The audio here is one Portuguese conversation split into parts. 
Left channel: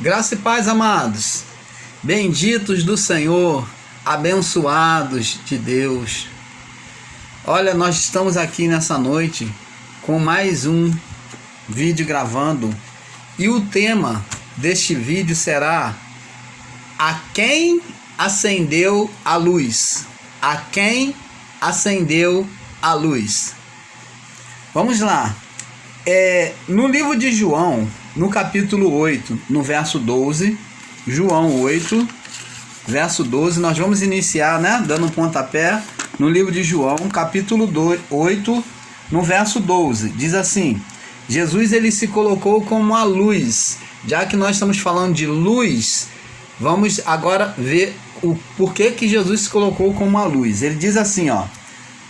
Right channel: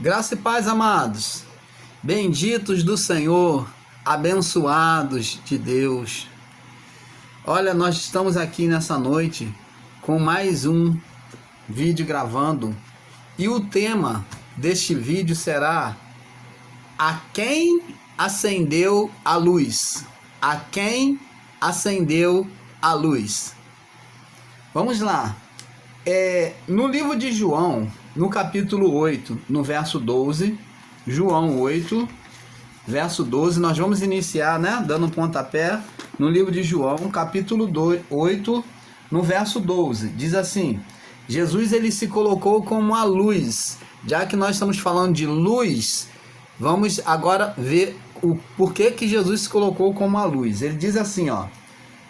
Graça e paz, amados, benditos do Senhor, abençoados de Deus. Olha, nós estamos aqui nessa noite com mais um vídeo gravando e o tema deste vídeo será: a quem acendeu a luz? A quem acendeu a luz? Vamos lá. No livro de João, no capítulo 8, no verso 12, João 8, verso 12, nós vamos iniciar, dando um pontapé no livro de João, capítulo 8, no verso 12, diz assim: Jesus ele se colocou como a luz. Já que nós estamos falando de luz, vamos agora ver o porquê que Jesus se colocou como a luz. Ele diz assim,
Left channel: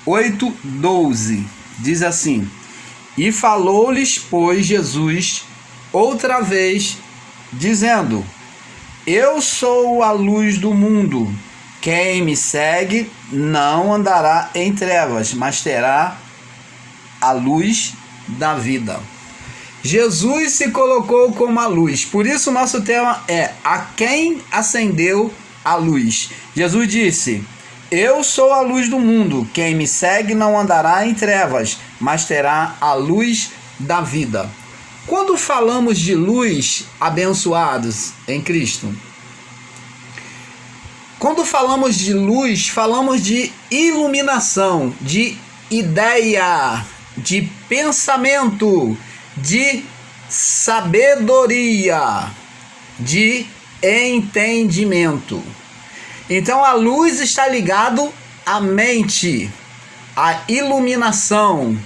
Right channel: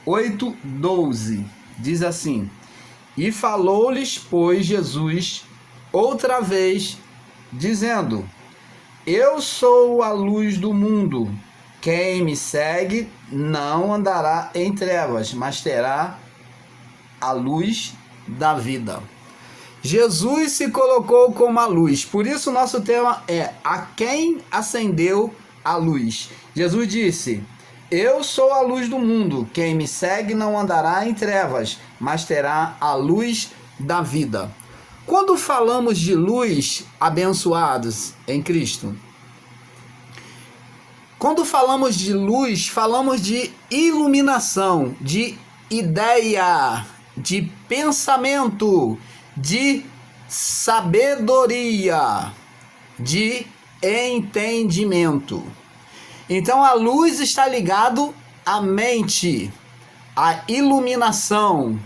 8:12, diz assim: e falou-lhes, pois, Jesus outra vez, dizendo: eu sou a luz do mundo. Quem me segue não andará em trevas, mas terá a luz da vida. Jesus se colocou como a luz. Por isso nosso tema é: a quem acendeu a luz? Jesus disse: eu sou a luz do mundo. Quem me segue não andará em trevas, mas terá a luz da vida. Quando falamos de luz, abençoados em Cristo, quando falamos de luz, falamos de iluminação, de ideia, de pensamento, de sabedoria, de entendimento. Então a luz está ligado à mente, à iluminação,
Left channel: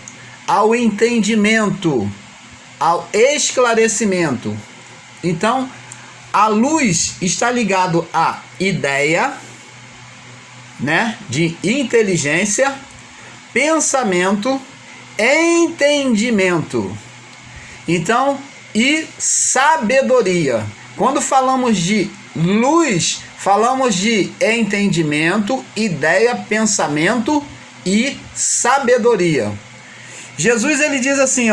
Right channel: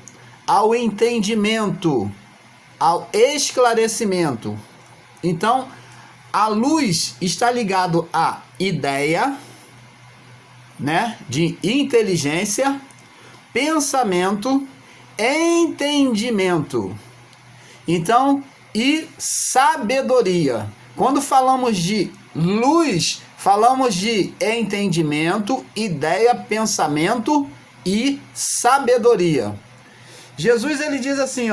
ao entendimento, ao esclarecimento. Então a luz está ligado à ideia, de inteligência, pensamento, entendimento. Então, e sabedoria. Quando falamos de luz, falamos de entendimento, ideia, pensamento e sabedoria. Jesus ele diz assim,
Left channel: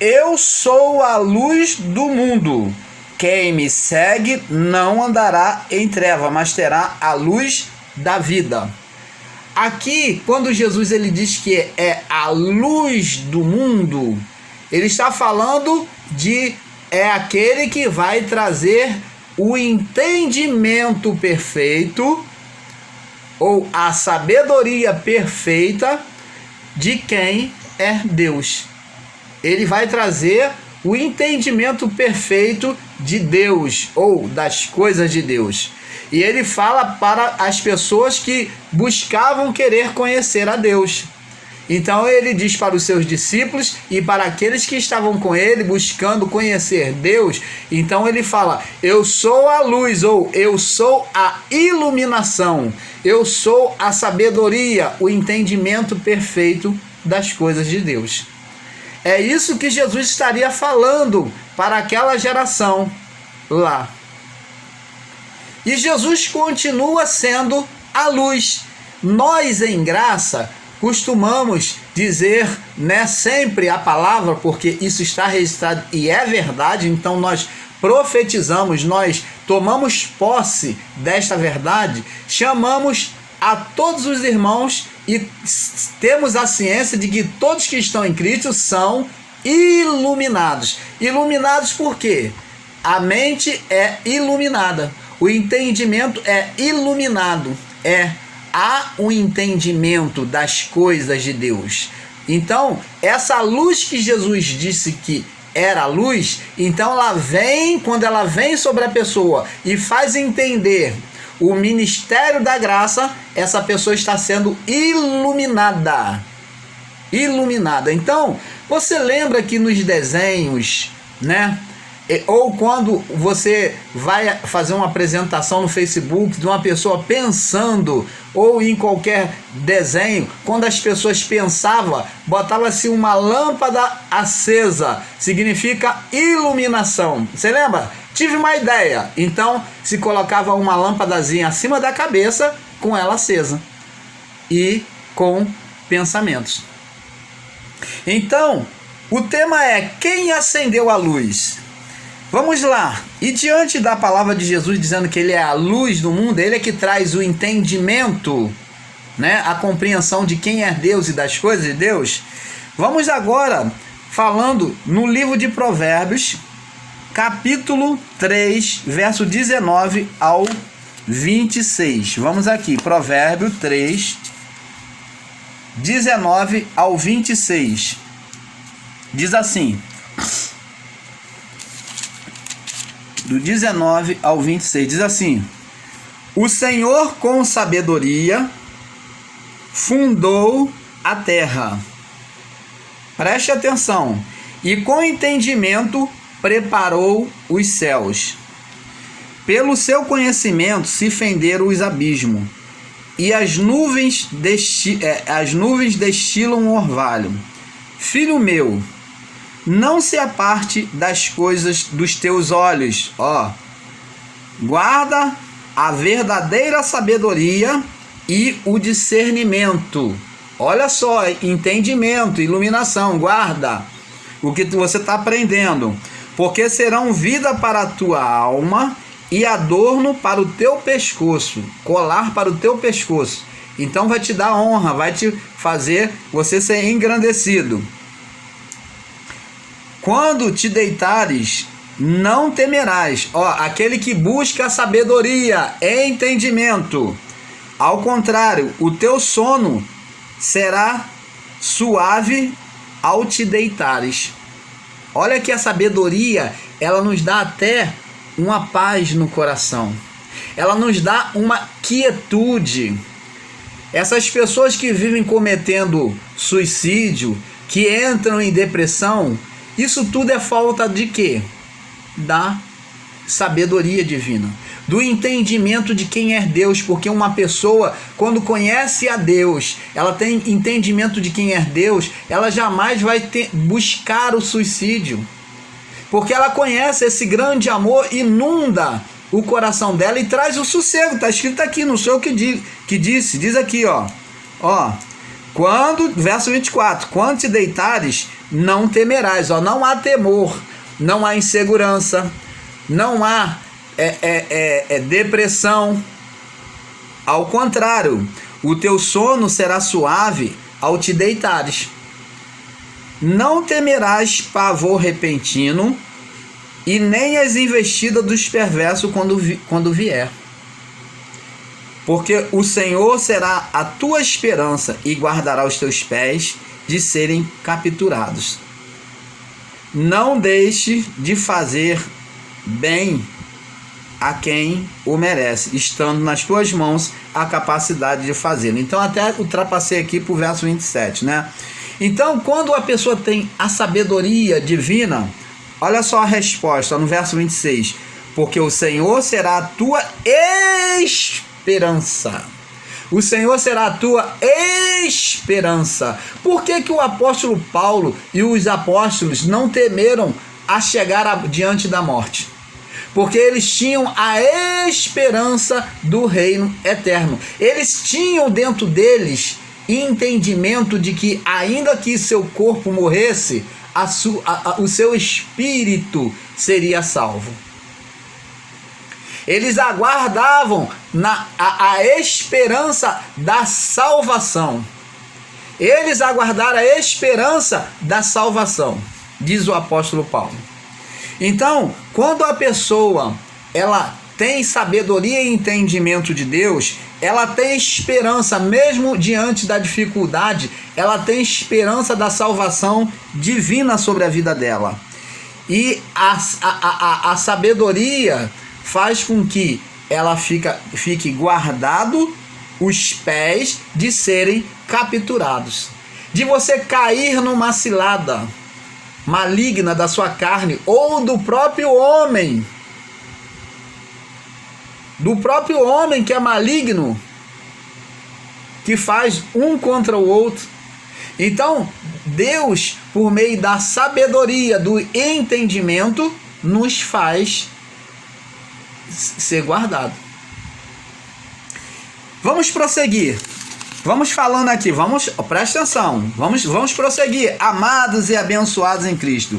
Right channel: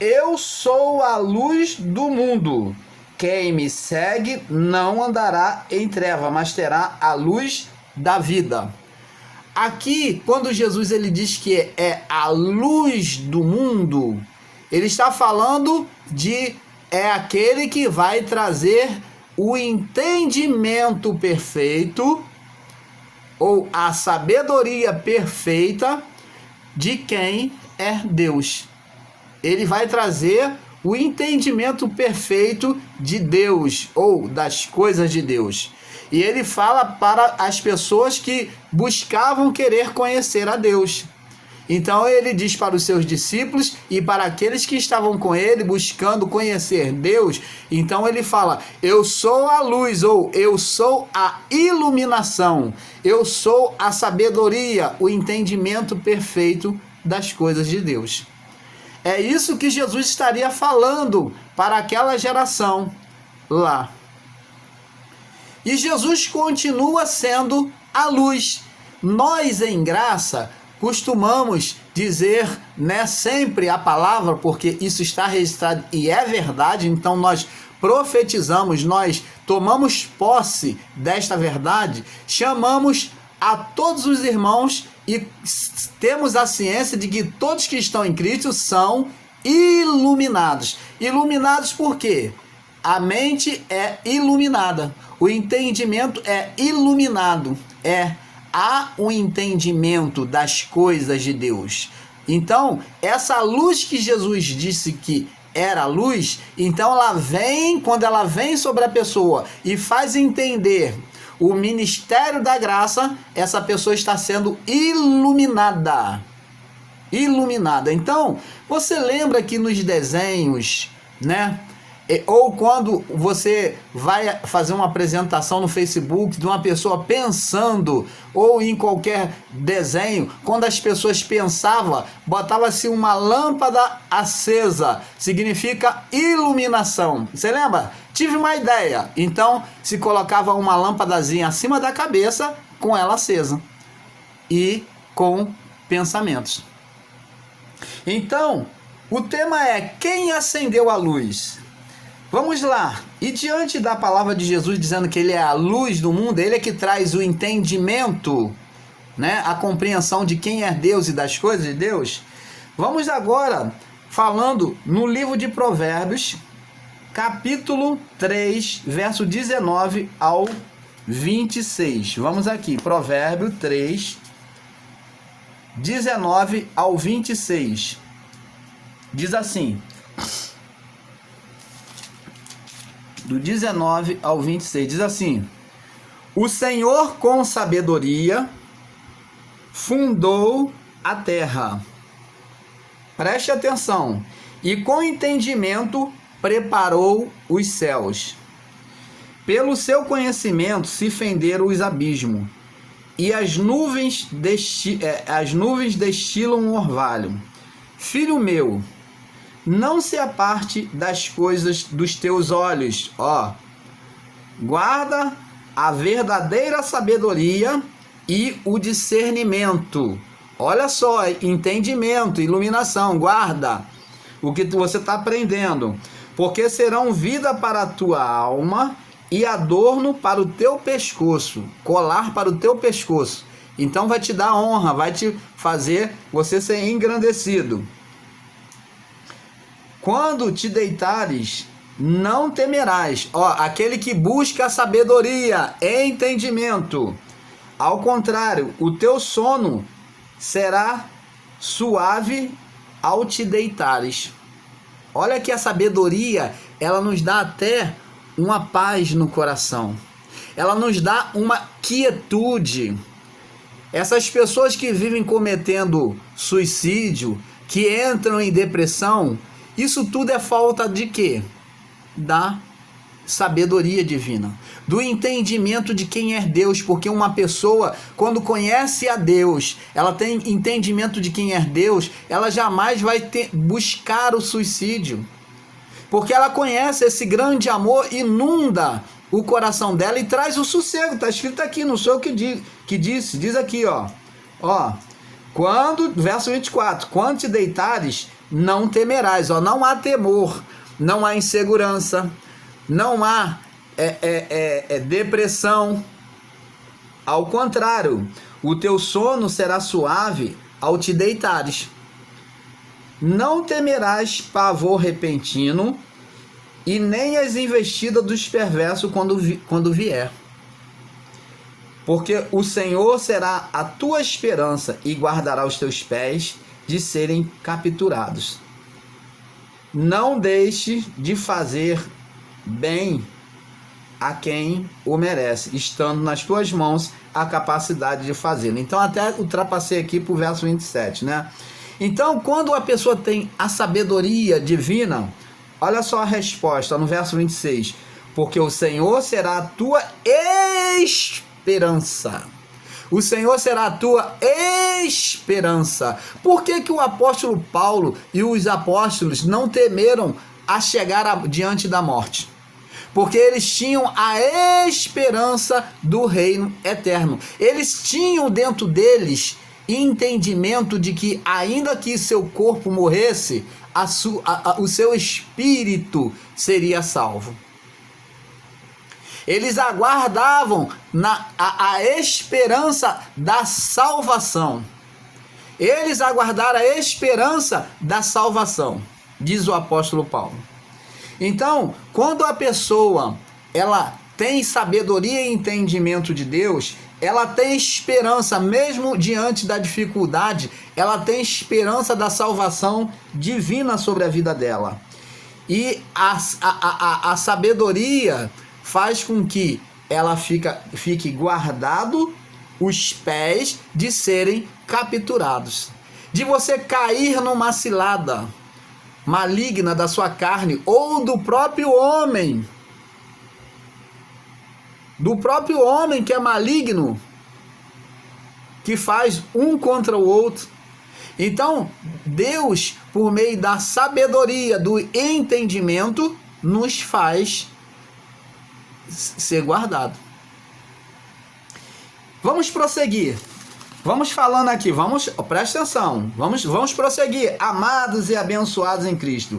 eu sou a luz do mundo. Quem me segue não andará em treva, mas terá a luz da vida. Aqui, quando Jesus ele diz que é a luz do mundo, ele está falando de aquele que vai trazer o entendimento perfeito ou a sabedoria perfeita de quem é Deus. Ele vai trazer o entendimento perfeito de Deus ou das coisas de Deus. E ele fala para as pessoas que buscavam querer conhecer a Deus. Então ele diz para os seus discípulos e para aqueles que estavam com ele buscando conhecer Deus, então ele fala: eu sou a luz, ou eu sou a iluminação, eu sou a sabedoria, o entendimento perfeito das coisas de Deus. É isso que Jesus estaria falando para aquela geração lá. E Jesus continua sendo a luz. Nós em graça costumamos dizer, sempre a palavra, porque isso está registrado e é verdade, então nós profetizamos, nós tomamos posse desta verdade, chamamos a todos os irmãos e temos a ciência de que todos que estão em Cristo são iluminados. Iluminados por quê? A mente é iluminada, o entendimento é iluminado, há um entendimento das coisas de Deus. Então, essa luz que Jesus disse que era a luz, então quando ela vem sobre a pessoa e faz entender o ministério da graça, essa pessoa está sendo iluminada. Iluminada. Então, você lembra que nos desenhos, ou quando você vai fazer uma apresentação no Facebook de uma pessoa pensando, ou em qualquer desenho, quando as pessoas pensavam, botava-se uma lâmpada acesa, significa iluminação. Você lembra? Tive uma ideia. Então se colocava uma lâmpadazinha acima da cabeça com ela acesa e com pensamentos. Então o tema é: quem acendeu a luz? Vamos lá. E diante da palavra de Jesus dizendo que ele é a luz do mundo, ele é que traz o entendimento, né, a compreensão de quem é Deus e das coisas de Deus. Vamos agora falando no livro de Provérbios, capítulo 3, verso 19 ao 26. Vamos aqui, Provérbio 3, 19 ao 26. Diz assim, do 19 ao 26, diz assim: o Senhor com sabedoria fundou a terra. Preste atenção. E com entendimento preparou os céus. Pelo seu conhecimento se fenderam os abismos, e as nuvens destilam um orvalho. Filho meu, não se aparte das coisas dos teus olhos, guarda a verdadeira sabedoria e o discernimento. Olha só, entendimento, iluminação, guarda o que você está aprendendo, porque serão vida para a tua alma e adorno para o teu pescoço, colar para o teu pescoço. Então vai te dar honra, vai te fazer você ser engrandecido. Quando te deitares, não temerás. Aquele que busca sabedoria e entendimento. Ao contrário, o teu sono será suave ao te deitares. Olha que a sabedoria, ela nos dá até uma paz no coração. Ela nos dá uma quietude. Essas pessoas que vivem cometendo suicídio, que entram em depressão, isso tudo é falta de quê? Da sabedoria divina, do entendimento de quem é Deus, porque uma pessoa, quando conhece a Deus, ela tem entendimento de quem é Deus, ela jamais vai buscar o suicídio, porque ela conhece esse grande amor, inunda o coração dela e traz o sossego. Está escrito aqui, não sou eu que disse, diz aqui, verso 24, quando te deitares, não temerás, não há temor, não há insegurança, não há depressão. Ao contrário, o teu sono será suave ao te deitares. Não temerás pavor repentino e nem as investidas dos perversos quando vier. Porque o Senhor será a tua esperança e guardará os teus pés de serem capturados. Não deixe de fazer bem a quem o merece, estando nas tuas mãos a capacidade de fazê-lo. Então até ultrapassei aqui para o verso 27, né? Então, quando a pessoa tem a sabedoria divina, olha só a resposta no verso 26. Porque o Senhor será a tua esperança. O Senhor será a tua esperança. Por que o apóstolo Paulo e os apóstolos não temeram a chegar diante da morte? Porque eles tinham a esperança do reino eterno. Eles tinham dentro deles entendimento de que, ainda que seu corpo morresse, o seu espírito seria salvo. Eles aguardavam a esperança da salvação. Eles aguardaram a esperança da salvação, diz o apóstolo Paulo. Então, quando a pessoa ela tem sabedoria e entendimento de Deus, ela tem esperança, mesmo diante da dificuldade, ela tem esperança da salvação divina sobre a vida dela. E a sabedoria faz com que ela fique guardado os pés de serem capturados, de você cair numa cilada maligna da sua carne ou do próprio homem que é maligno, que faz um contra o outro. Então Deus, por meio da sabedoria, do entendimento, nos faz ser guardado. Vamos prosseguir. Vamos falando aqui, presta atenção. Vamos prosseguir. Amados e abençoados em Cristo.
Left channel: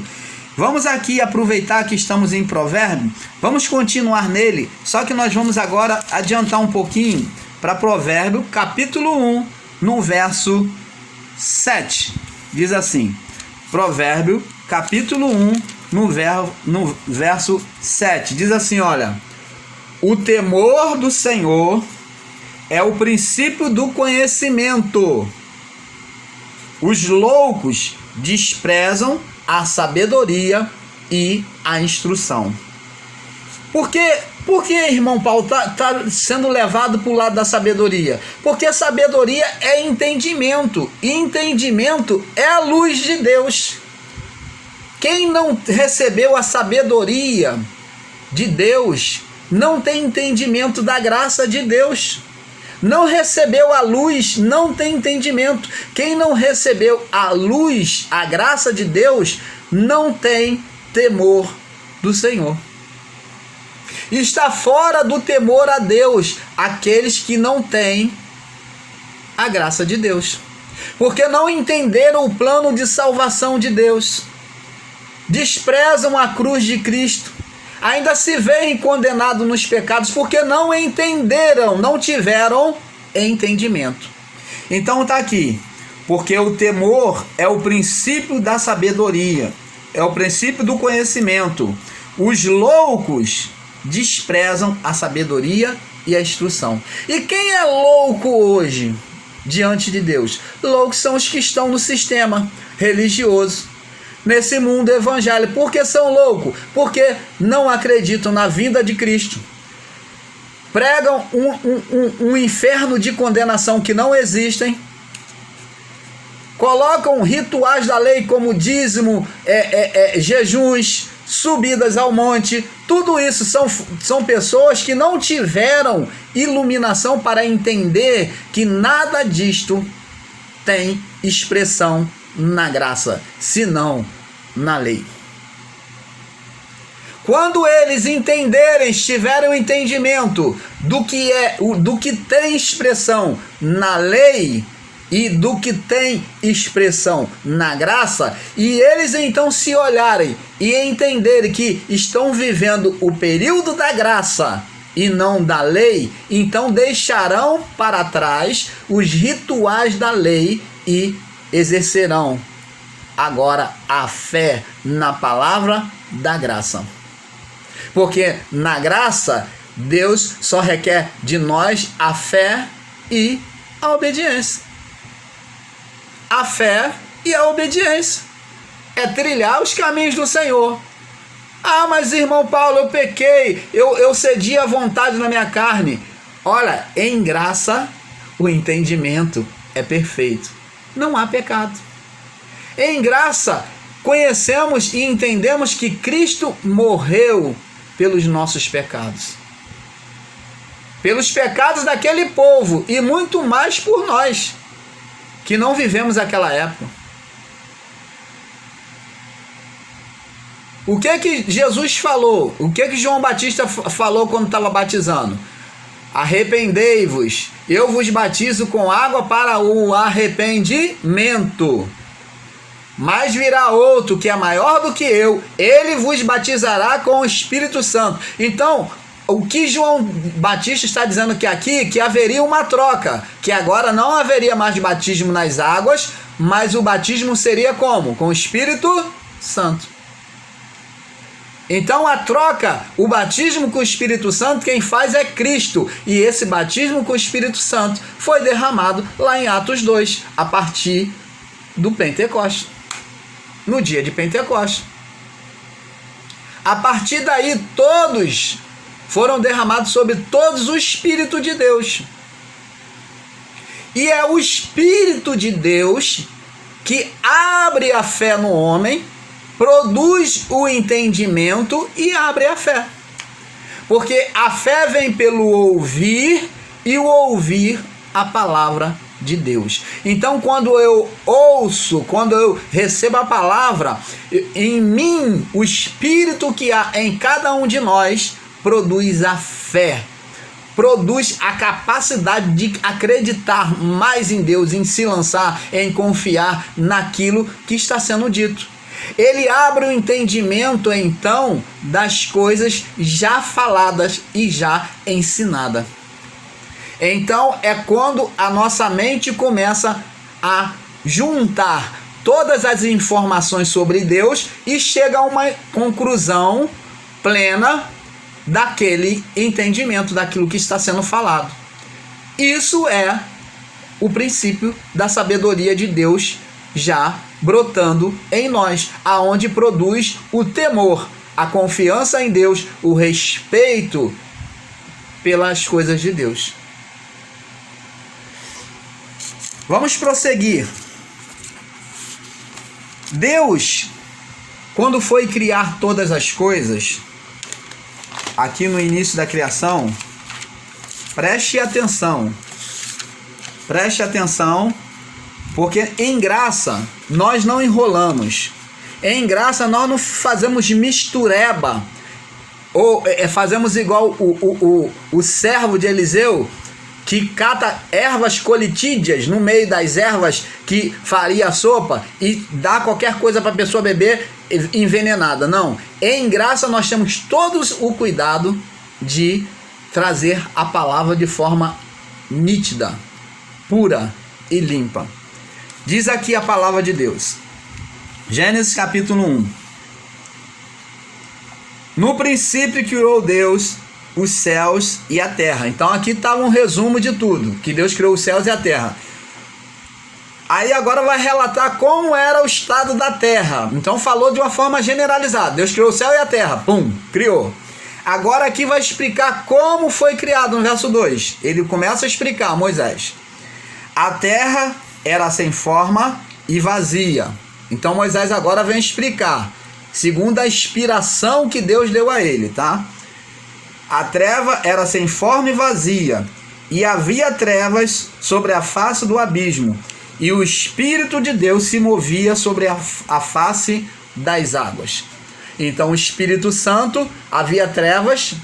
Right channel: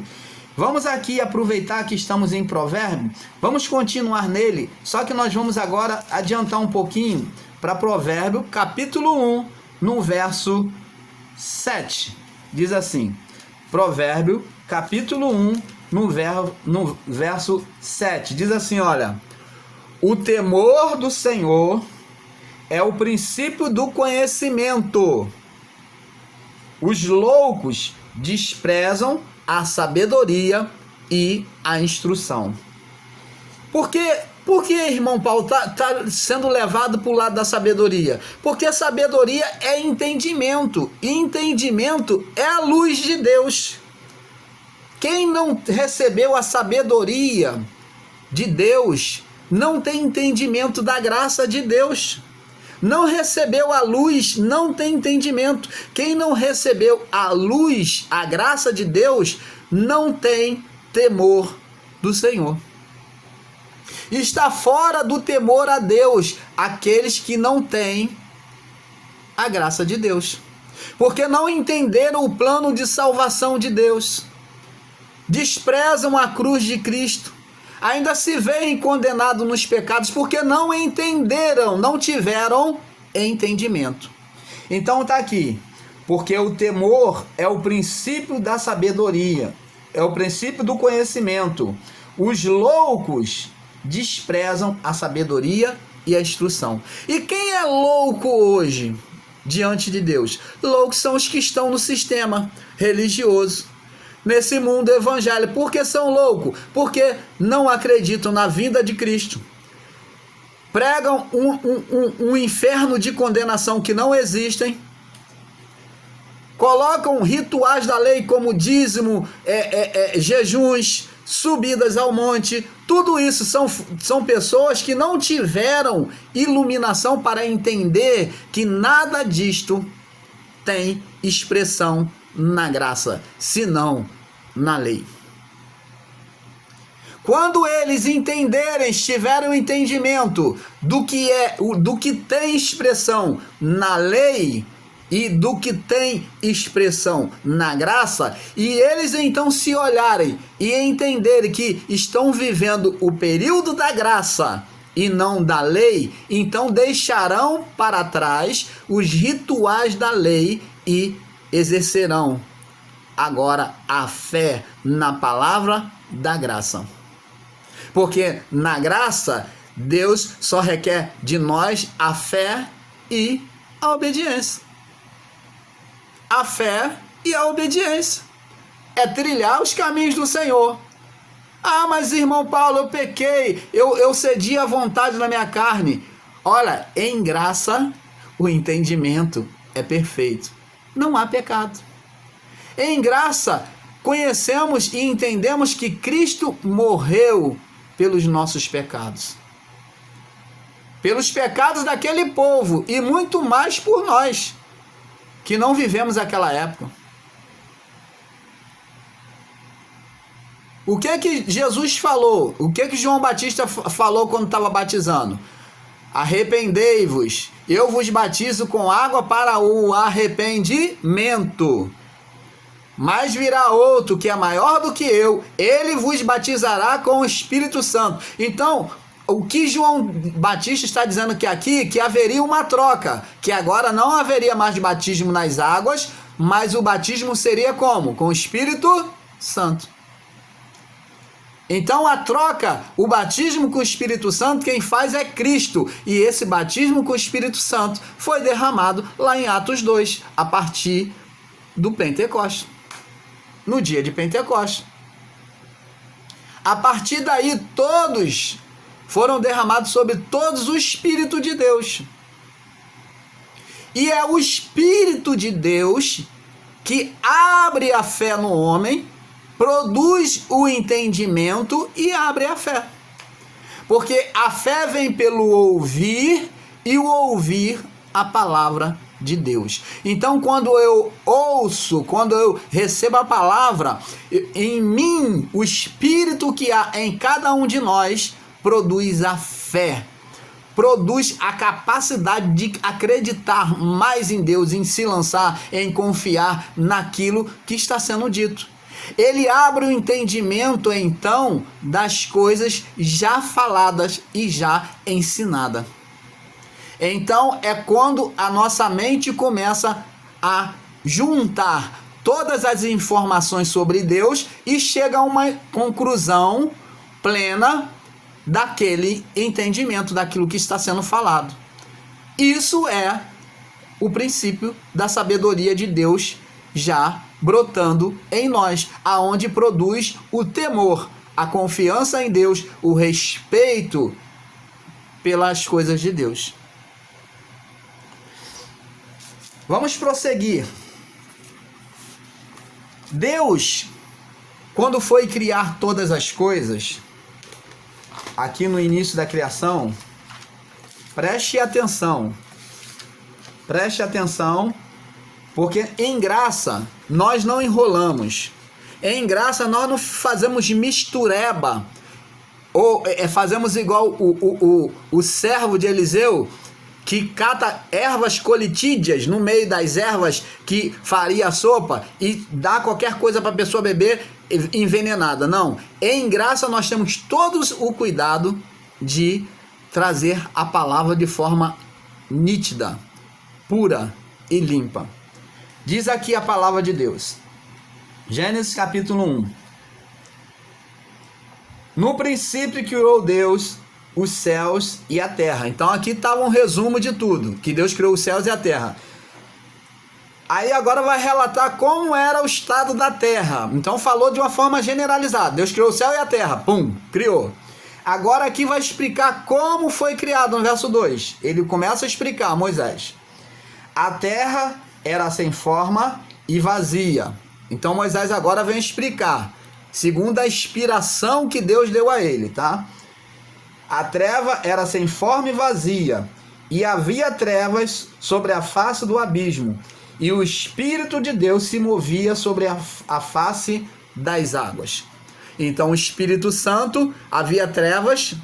Vamos aqui aproveitar que estamos em Provérbio, vamos continuar nele, só que nós vamos agora adiantar um pouquinho para Provérbio, capítulo 1, no verso 7. Diz assim, Provérbio, capítulo 1, no verso 7. Diz assim, olha, o temor do Senhor é o princípio do conhecimento. Os loucos desprezam a sabedoria e a instrução. Por que irmão Paulo, tá sendo levado para o lado da sabedoria? Porque a sabedoria é entendimento. E entendimento é a luz de Deus. Quem não recebeu a sabedoria de Deus não tem entendimento da graça de Deus. Não recebeu a luz, não tem entendimento. Quem não recebeu a luz, a graça de Deus, não tem temor do Senhor. Está fora do temor a Deus aqueles que não têm a graça de Deus. Porque não entenderam o plano de salvação de Deus. Desprezam a cruz de Cristo. Ainda se veem condenados nos pecados porque não entenderam, não tiveram entendimento. Então está aqui, porque o temor é o princípio da sabedoria, é o princípio do conhecimento. Os loucos desprezam a sabedoria e a instrução. E quem é louco hoje diante de Deus? Loucos são os que estão no sistema religioso, nesse mundo evangélico. Por que são loucos? Porque não acreditam na vida de Cristo. Pregam um inferno de condenação que não existem. Colocam rituais da lei como dízimo, jejuns, subidas ao monte. Tudo isso são pessoas que não tiveram iluminação para entender que nada disto tem expressão na graça, senão na lei. Quando eles entenderem, tiverem o entendimento do que tem expressão na lei e do que tem expressão na graça, e eles então se olharem e entenderem que estão vivendo o período da graça e não da lei, então deixarão para trás os rituais da lei e exercerão agora a fé na palavra da graça. Porque na graça, Deus só requer de nós a fé e a obediência. A fé e a obediência. É trilhar os caminhos do Senhor. Ah, mas irmão Paulo, eu pequei, eu cedi à vontade na minha carne. Olha, em graça, o entendimento é perfeito. Não há pecado. Em graça, conhecemos e entendemos que Cristo morreu pelos nossos pecados. Pelos pecados daquele povo e muito mais por nós, que não vivemos aquela época. O que Jesus falou? O que João Batista falou quando estava batizando? Arrependei-vos, eu vos batizo com água para o arrependimento. Mas virá outro que é maior do que eu, ele vos batizará com o Espírito Santo. Então, o que João Batista está dizendo que haveria uma troca, que agora não haveria mais batismo nas águas, mas o batismo seria como? Com o Espírito Santo. Então a troca, o batismo com o Espírito Santo, quem faz é Cristo. E esse batismo com o Espírito Santo foi derramado lá em Atos 2, a partir do Pentecostes. No dia de Pentecostes. A partir daí, todos foram derramados sobre todos o Espírito de Deus. E é o Espírito de Deus que abre a fé no homem, produz o entendimento e abre a fé. Porque a fé vem pelo ouvir e o ouvir a palavra de Deus. Então, quando eu ouço, quando eu recebo a palavra, em mim, o Espírito que há em cada um de nós produz a fé, produz a capacidade de acreditar mais em Deus, em se lançar, em confiar naquilo que está sendo dito. Ele abre o entendimento, então, das coisas já faladas e já ensinadas. Então, é quando a nossa mente começa a juntar todas as informações sobre Deus e chega a uma conclusão plena daquele entendimento, daquilo que está sendo falado. Isso é o princípio da sabedoria de Deus já brotando em nós, aonde produz o temor, a confiança em Deus, o respeito pelas coisas de Deus. Vamos prosseguir. Deus, quando foi criar todas as coisas, aqui no início da criação, preste atenção, porque em graça nós não enrolamos, em graça nós não fazemos mistureba, ou fazemos igual o servo de Eliseu, que cata ervas colitídeas no meio das ervas que faria a sopa e dá qualquer coisa para a pessoa beber envenenada. Não, em graça nós temos todos o cuidado de trazer a palavra de forma nítida, pura e limpa. Diz aqui a palavra de Deus, Gênesis capítulo 1. No princípio criou Deus os céus e a terra. Então aqui está um resumo de tudo, que Deus criou os céus e a terra. Aí agora vai relatar como era o estado da terra. Então falou de uma forma generalizada. Deus criou o céu e a terra. Pum, criou. Agora aqui vai explicar como foi criado no verso 2. Ele começa a explicar, Moisés. A terra era sem forma e vazia. Então Moisés agora vem explicar, segundo a inspiração que Deus deu a ele, tá? A treva era sem forma e vazia, e havia trevas sobre a face do abismo, e o Espírito de Deus se movia sobre a face das águas. Então o Espírito Santo, havia trevas,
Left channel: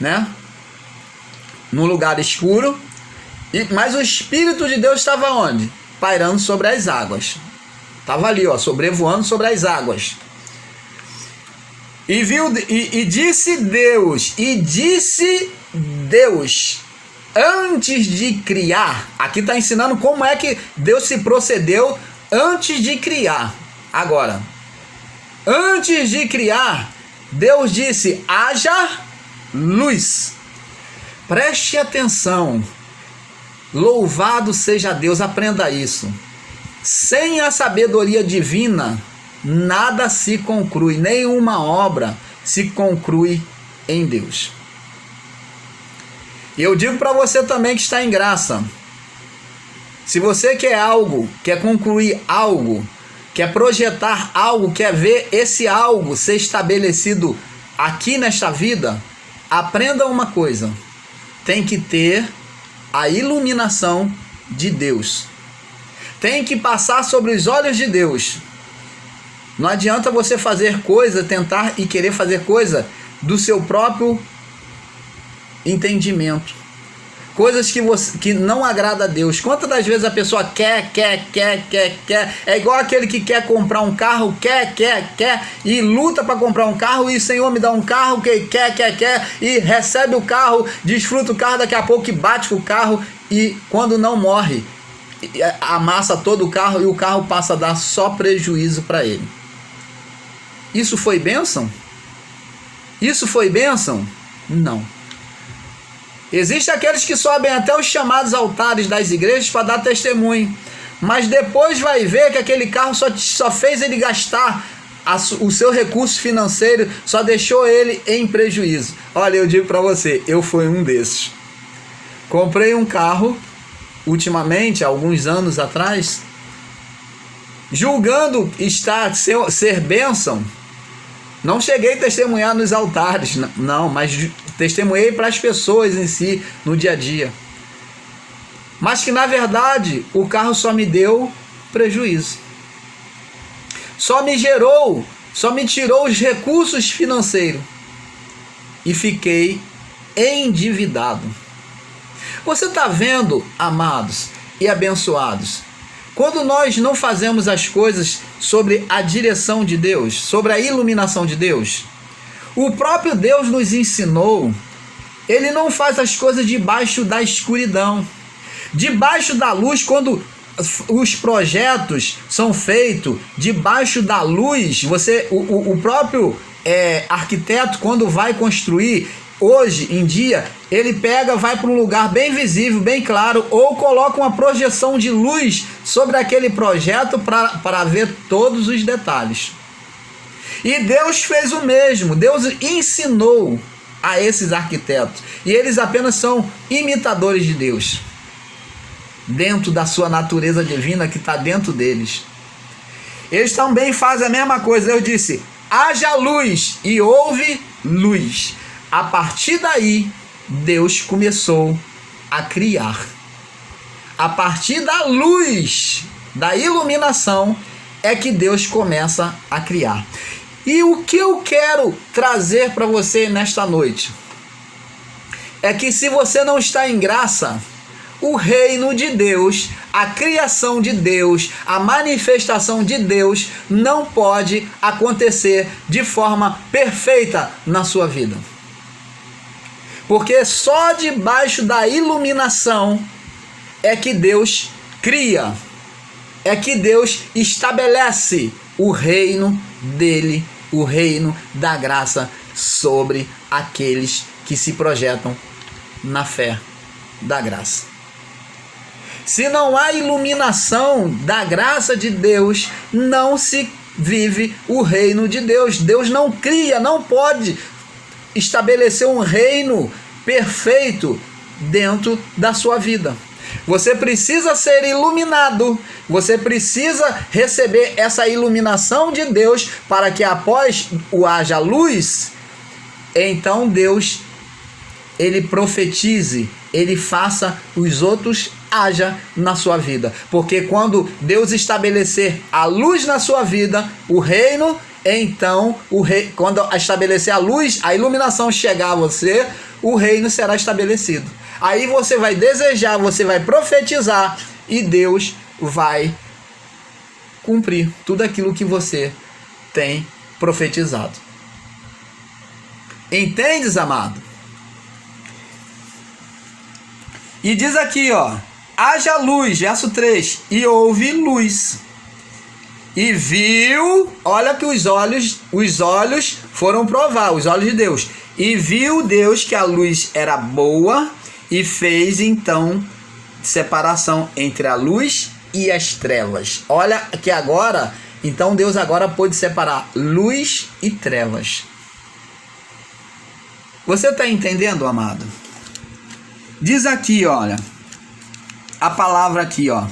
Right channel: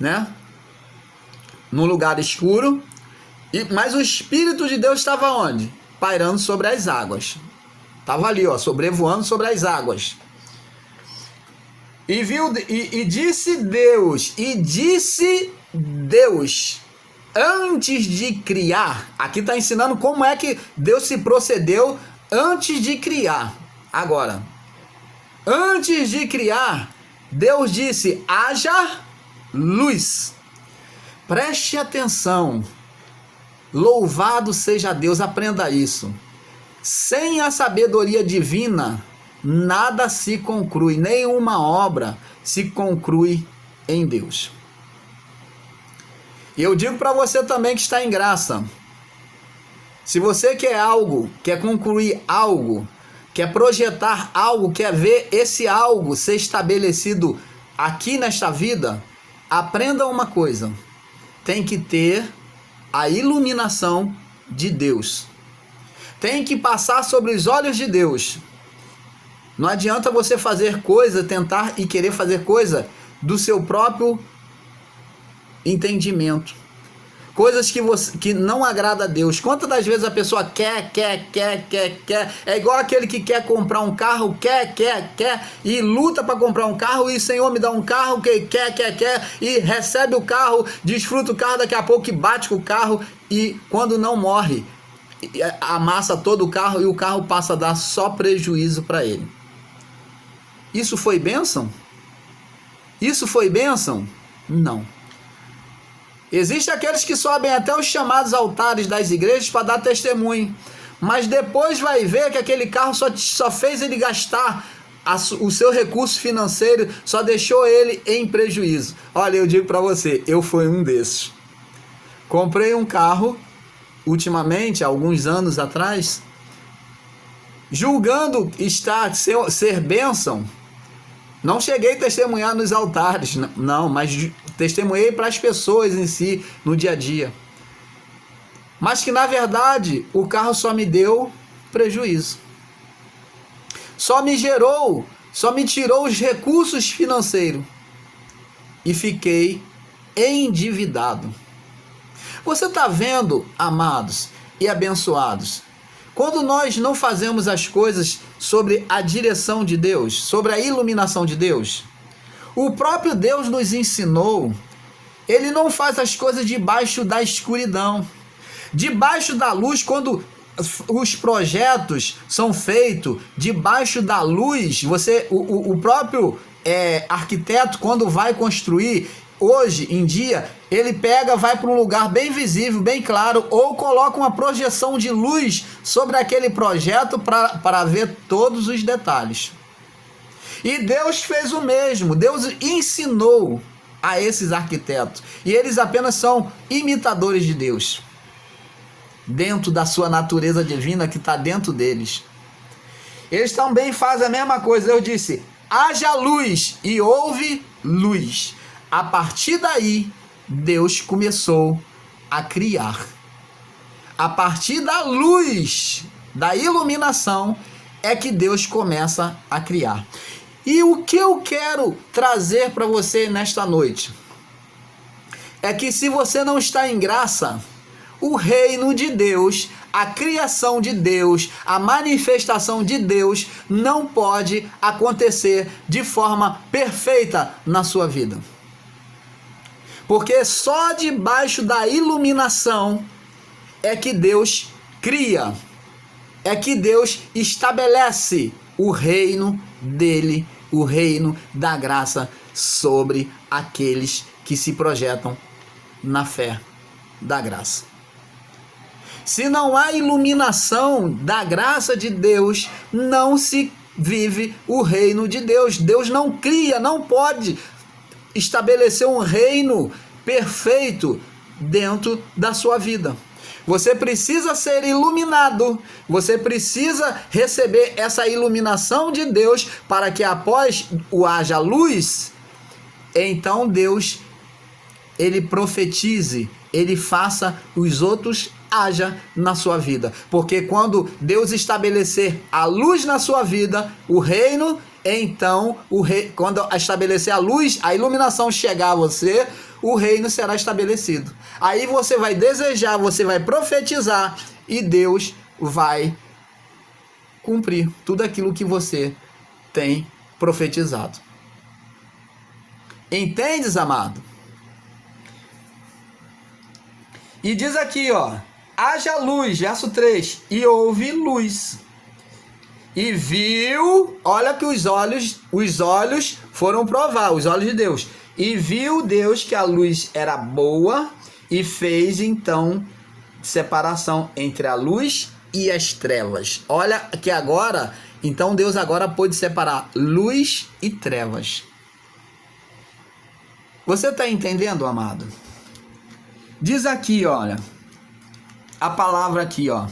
né? No lugar escuro, mas o Espírito de Deus estava onde? Pairando sobre as águas. Estava ali, ó, sobrevoando sobre as águas. E disse Deus, antes de criar, aqui está ensinando como é que Deus se procedeu antes de criar. Agora, antes de criar, Deus disse, haja luz. Preste atenção, louvado seja Deus, aprenda isso. Sem a sabedoria divina, nada se conclui, nenhuma obra se conclui em Deus. E eu digo para você também que está em graça, se você quer algo, quer concluir algo, quer projetar algo, quer ver esse algo ser estabelecido aqui nesta vida, aprenda uma coisa, tem que ter a iluminação de Deus, tem que passar sobre os olhos de Deus. Não adianta você fazer coisa, tentar e querer fazer coisa do seu próprio entendimento. Coisas que não agrada a Deus. Quantas das vezes a pessoa quer. É igual aquele que quer comprar um carro, quer, e luta para comprar um carro, e o Senhor me dá um carro, que quer, e recebe o carro, desfruta o carro, daqui a pouco que bate com o carro, e quando não morre, amassa todo o carro, e o carro passa a dar só prejuízo para ele. Isso foi bênção? Isso foi bênção? Não. Existem aqueles que sobem até os chamados altares das igrejas para dar testemunho, mas depois vai ver que aquele carro só fez ele gastar o seu recurso financeiro, só deixou ele em prejuízo. Olha, eu digo para você, eu fui um desses. Comprei um carro ultimamente, alguns anos atrás, julgando ser bênção. Não cheguei a testemunhar nos altares, não, mas testemunhei para as pessoas em si, no dia a dia. Mas que na verdade o carro só me deu prejuízo. Só me tirou os recursos financeiros. E fiquei endividado. Você está vendo, amados e abençoados, quando nós não fazemos as coisas sobre a direção de Deus, sobre a iluminação de Deus, o próprio Deus nos ensinou, ele não faz as coisas debaixo da escuridão. Debaixo da luz, quando os projetos são feitos debaixo da luz, o próprio arquiteto, quando vai construir, hoje em dia, ele vai para um lugar bem visível, bem claro, ou coloca uma projeção de luz sobre aquele projeto para ver todos os detalhes. E Deus fez o mesmo. Deus ensinou a esses arquitetos, e eles apenas são imitadores de Deus, dentro da sua natureza divina que está dentro deles. Eles também fazem a mesma coisa. Eu disse, haja luz, e houve luz. A partir daí, Deus começou a criar. A partir da luz, da iluminação, é que Deus começa a criar. E o que eu quero trazer para você nesta noite é que, se você não está em graça, o reino de Deus, a criação de Deus, a manifestação de Deus não pode acontecer de forma perfeita na sua vida. Porque só debaixo da iluminação é que Deus cria, é que Deus estabelece o reino dele, o reino da graça sobre aqueles que se projetam na fé da graça. Se não há iluminação da graça de Deus, não se vive o reino de Deus. Deus não cria, não pode estabelecer um reino perfeito dentro da sua vida. Você precisa ser iluminado, você precisa receber essa iluminação de Deus para que, após o haja luz, então Deus, ele profetize, ele faça os outros haja na sua vida. Porque quando Deus estabelecer a luz na sua vida, o reino, então, quando estabelecer a luz, a iluminação chegar a você, o reino será estabelecido. Aí você vai desejar, você vai profetizar, e Deus vai cumprir tudo aquilo que você tem profetizado. Entendes, amado? E diz aqui, ó, haja luz, verso 3, e houve luz. E viu, olha que os olhos foram provar, os olhos de Deus. E viu Deus que a luz era boa, e fez então separação entre a luz e as trevas. Olha que agora, então Deus agora pôde separar luz e trevas. Você está entendendo, amado? Diz aqui, olha, a palavra aqui, ó.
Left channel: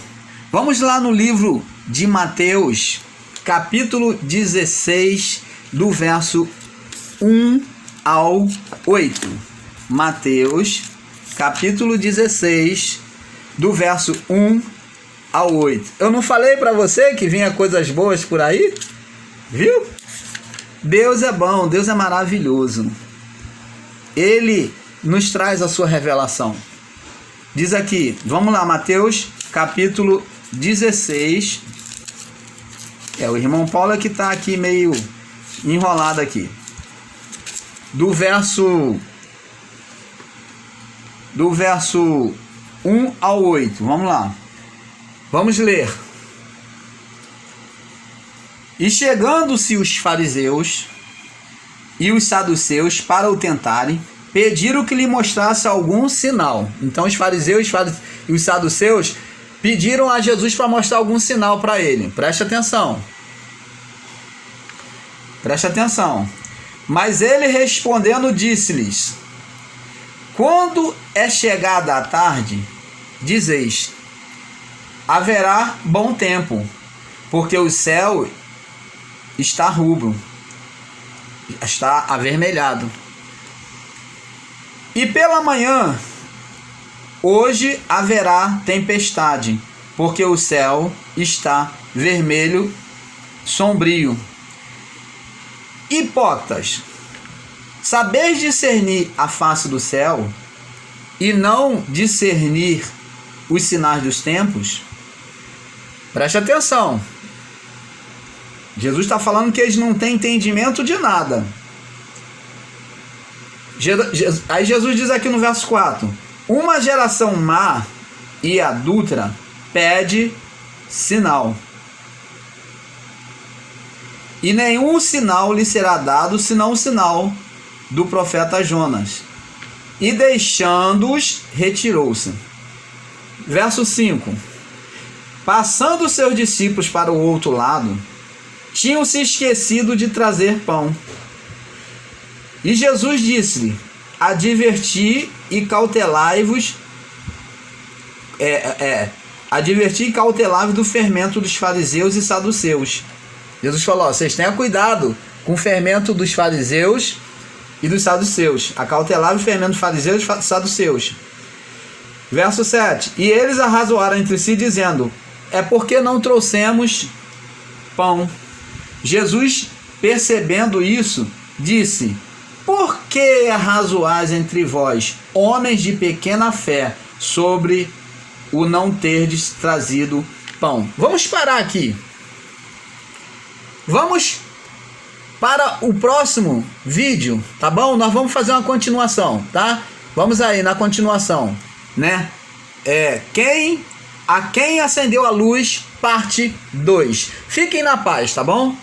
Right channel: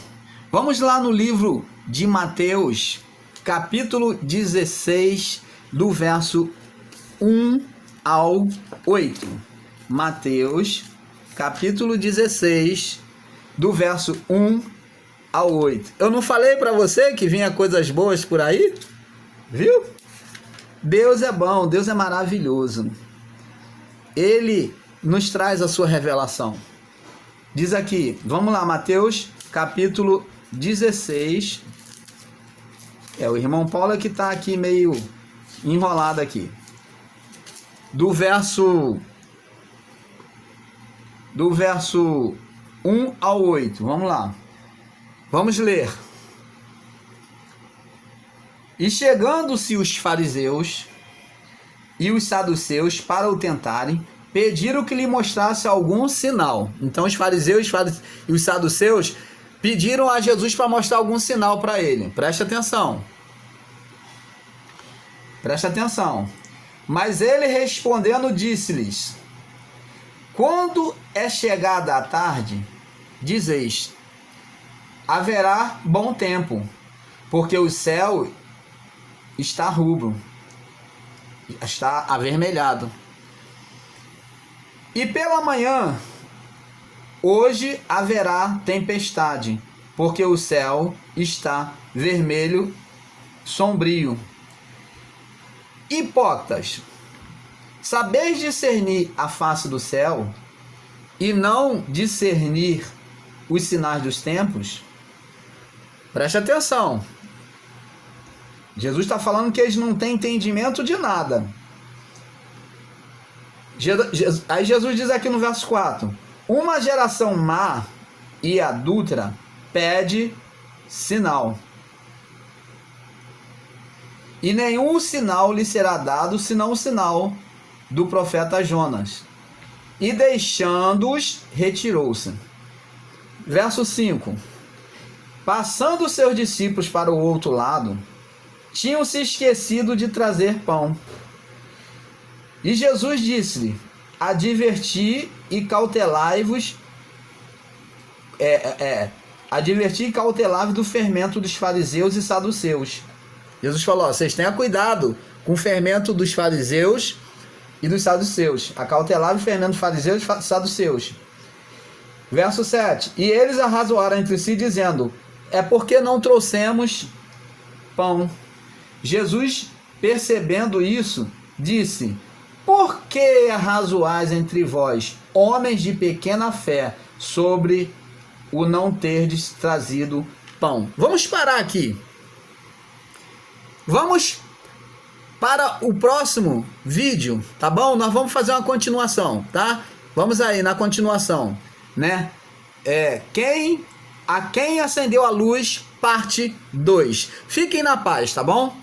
Vamos lá no livro de Mateus, capítulo 16, do verso 1 ao 8. Mateus, capítulo 16, do verso 1 ao 8. Eu não falei para você que vinha coisas boas por aí? Viu? Deus é bom, Deus é maravilhoso. Ele nos traz a sua revelação. Diz aqui, vamos lá, Mateus, capítulo 16. O irmão Paulo que está aqui meio enrolado aqui. Do verso 1 ao 8. Vamos lá. Vamos ler. E chegando-se os fariseus e os saduceus para o tentarem, pediram que lhe mostrasse algum sinal. Então os fariseus e os saduceus pediram a Jesus para mostrar algum sinal para ele. Preste atenção. Preste atenção. Mas ele respondendo disse-lhes: quando é chegada a tarde, dizeis, haverá bom tempo, porque o céu está rubro, está avermelhado. E pela manhã, hoje haverá tempestade, porque o céu está vermelho, sombrio. Hipócritas, sabeis discernir a face do céu, e não discernir os sinais dos tempos? Preste atenção. Jesus está falando que eles não têm entendimento de nada. Aí Jesus diz aqui no verso 4: uma geração má e adúltera pede sinal, e nenhum sinal lhe será dado senão o sinal do profeta Jonas. E deixando-os, retirou-se. Verso 5: passando seus discípulos para o outro lado, tinham se esquecido de trazer pão. E Jesus disse-lhe: adverti e cautelai-vos do fermento dos fariseus e saduceus. Jesus falou: vocês tenham cuidado com o fermento dos fariseus e dos saduceus. Acautelai-vos o fermento dos fariseus e saduceus. Verso 7: e eles arrazoaram entre si, dizendo: é porque não trouxemos pão. Jesus, percebendo isso, disse: por que arrazoais entre vós, homens de pequena fé, sobre o não terdes trazido pão? Vamos parar aqui. Vamos para o próximo vídeo, tá bom? Nós vamos fazer uma continuação, tá? Vamos aí na continuação, né? A quem acendeu a luz, parte 2. Fiquem na paz, tá bom?